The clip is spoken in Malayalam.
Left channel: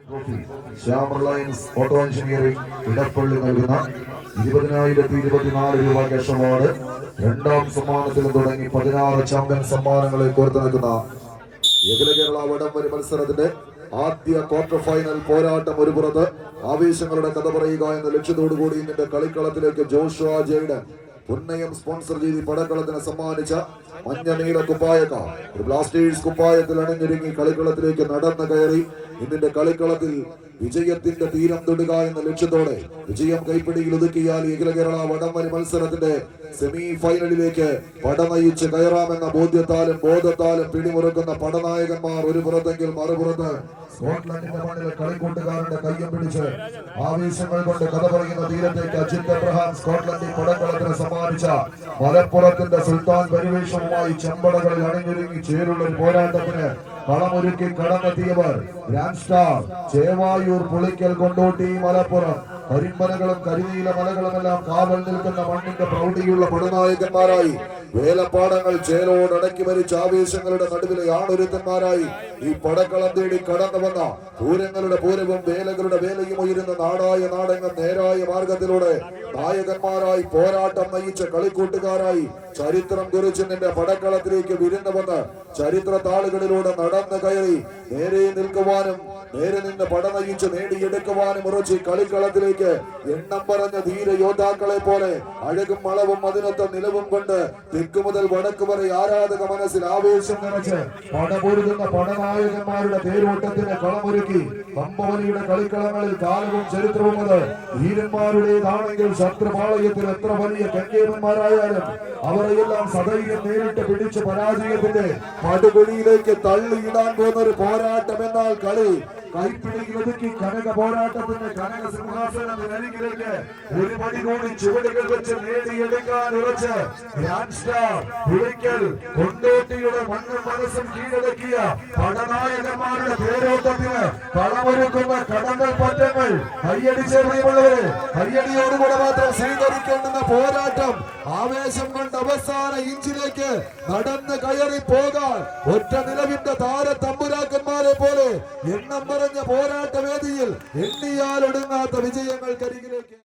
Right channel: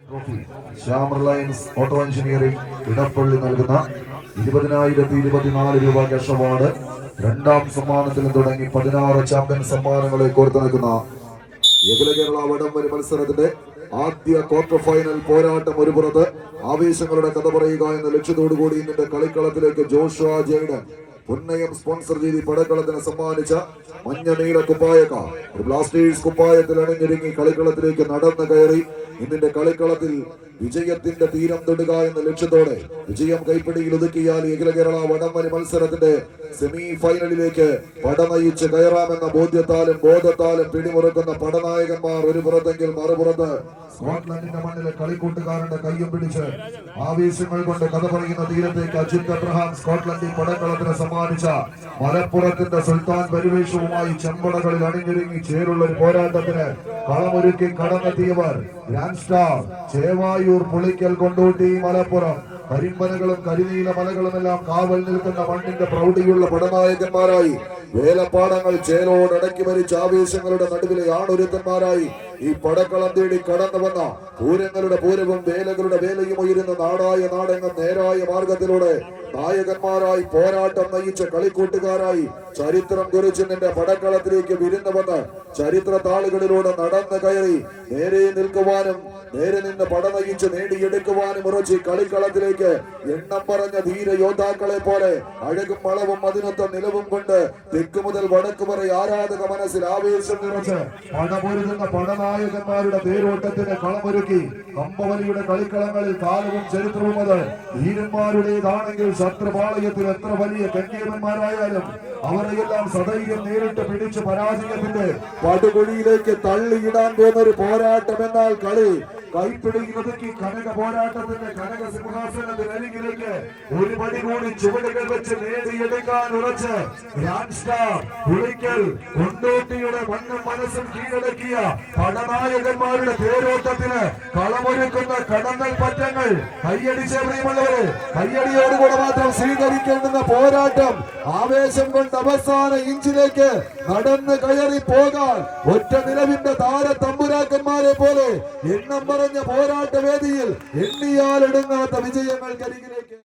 Shyam Reliance auto engineering Edappally നൽകുന്ന 20,024 രൂപ ക്യാഷ് അവാർഡ് രണ്ടാം സമ്മാനത്തിൽ തുടങ്ങി 16 ചാമ്പ്യൻ സമ്മാനങ്ങളെ കോർത്തു നിൽക്കുന്ന അഖില കേരള വടംവലി മത്സരത്തിന്റെ ആദ്യ ക്വാർട്ടർ ഫൈനൽ പോരാട്ടം ഒരു പുറത്ത് ആവേശങ്ങളുടെ കഥ പറയുക എന്ന ലക്ഷ്യത്തോടുകൂടി ഇന്നിന്റെ കളിക്കളത്തിലേക്ക് ജോഷുവ ജെയ്ഡൻ പുന്നയം സ്പോൺസർ ചെയ്ത് പടക്കളത്തിന് സമ്മാനിച്ച മഞ്ഞ നീല കുപ്പായക്ക ഒരു ബ്ലാസ്റ്റേഴ്സ് കുപ്പായത്തിൽ അണിഞ്ഞൊരുങ്ങി കളിക്കളത്തിലേക്ക് നടന്നു കയറി ഇന്നിന്റെ കളിക്കളത്തിൽ വിജയത്തിന്റെ തീരം തൊടുക എന്ന ലക്ഷ്യത്തോടെ വിജയം കൈപ്പിടിയിൽ ഒതുക്കിയാൽ അഖില കേരള വടംവലി മത്സരത്തിന്റെ സെമി ഫൈനലിലേക്ക് പടനയിച്ച് കയറാമെന്ന ബോധ്യത്താലും ബോധത്താലും പിടിമുറുക്കുന്ന പടനായകന്മാർ ഒരു പുറത്തെങ്കിൽ മറുപുറത്ത് സ്കോട്ട്ലൻഡിന്റെ മണ്ണിലെ കളിക്കൂട്ടുകാരന്റെ കയ്യും പിടിച്ച് ആവേശങ്ങൾ കൊണ്ട് കഥ പറയുന്ന തീരത്തേക്ക് അജിത് എബ്രഹാം സ്കോട്ട്ലൻഡിൽ പടക്കളത്തിന് സമ്മാനിച്ച മലപ്പുറത്തിന്റെ സുൽത്താൻ പരിവേഷവുമായി ചെമ്പടകളിൽ അണിഞ്ഞൊരുങ്ങി ചേരുള്ള ഒരു പോരാട്ടത്തിന് കളമൊരുക്കി കടന്നെത്തിയവർ ഗ്രാൻഡ് സ്റ്റാർ ചേവായൂർ പുളിക്കൽ കൊണ്ടോട്ടി മലപ്പുറം കരിമലകളും കരിനീല മലകളുമെല്ലാം കാവൽ നിൽക്കുന്ന മണ്ണിന്റെ പ്രൗഢിയുള്ള പടനായകന്മാരായി വേലപ്പാടങ്ങൾ ചേലോടടക്കി മരിച്ച ആവേശങ്ങളുടെ നടുവിലെ ആണൊരുത്തന്മാരായി ഈ പടക്കളം തേടി കടന്നു വന്ന പൂരങ്ങളുടെ പൂരവും വേലകളുടെ വേലയും ഉയരുന്ന നാടായ നാടെങ്ങും നേരായ മാർഗത്തിലൂടെ നായകന്മാരായി പോരാട്ടം നയിച്ച കളിക്കൂട്ടുകാരായി ചരിത്രം കുറിച്ചിന്റെ പടക്കളത്തിലേക്ക് വിരുന്നു വന്ന് ചരിത്ര താളുകളിലൂടെ നടന്നു കയറി നേരെ നിൽക്കുവാനും നേരെ നിന്ന് പടനയിച്ച് നേടിയെടുക്കുവാനും ഉറച്ച് കളിക്കളത്തിലേക്ക് എണ്ണം പറഞ്ഞ ധീര യോദ്ധാക്കളെ പോലെ അഴകും വളവും അതിനൊത്ത നിലവും കൊണ്ട് തെക്ക് മുതൽ വടക്ക് വരെ ആരാധക മനസ്സിൽ ആവേശം നിറച്ച് പടപൊരുതുന്ന പടനായകന്മാരുടെ തേരോട്ടത്തിന് കളമൊരുക്കി കമ്പവലിയുടെ കളിക്കളങ്ങളിൽ കാലവും ചരിത്രവും അത് ധീരന്മാരുടേതാണെങ്കിൽ ശത്രുപാളയത്തിൽ എത്ര വലിയ കങ്കേമന്മാരായാലും അവരെയെല്ലാം സദൈര്യം നേരിട്ട് പിടിച്ച് പരാജയത്തിന്റെ പടുകുഴിയിലേക്ക് തള്ളിയിടാൻ പോകുന്ന ഒരു പോരാട്ടം എന്നാൽ കളി കൈപ്പിടിക്കുന്നതുക്കി കനക പോരാട്ടത്തിന്റെ കനക സിംഹാസനത്തിലേക്ക് ഒരു പടി കൂടി ചുവടുകൾ വെച്ച് നേടിയെടുക്കാൻ ഉറച്ച് ഗ്രാൻഡ് സ്റ്റാർ പുളിക്കൽ കൊണ്ടോട്ടിയുടെ മണ്ണും മനസ്സും കീഴടക്കിയ പടനായകന്മാരുടെ പേരോട്ടത്തിന് കളമൊരുക്കുന്ന കടങ്ങൾ പറ്റങ്ങൾ കയ്യടിച്ചെറിയുമുള്ളവര് കയ്യടിയോടുകൂടെ മാത്രം സ്വീകരിക്കേണ്ടുന്ന പോരാട്ടം ആവേശം കൊണ്ട് അവസാന ഇഞ്ചിലേക്ക് നടന്ന് കയറി പോകാൻ ഒറ്റ നിലവിന്റെ താരത്തമ്പുരാക്കന്മാരെ പോലെ എണ്ണം പറഞ്ഞ പോരാട്ട വേദിയിൽ എണ്ണിയാലൊടുങ്ങാത്ത വിജയങ്ങൾക്കരികിലേക്ക്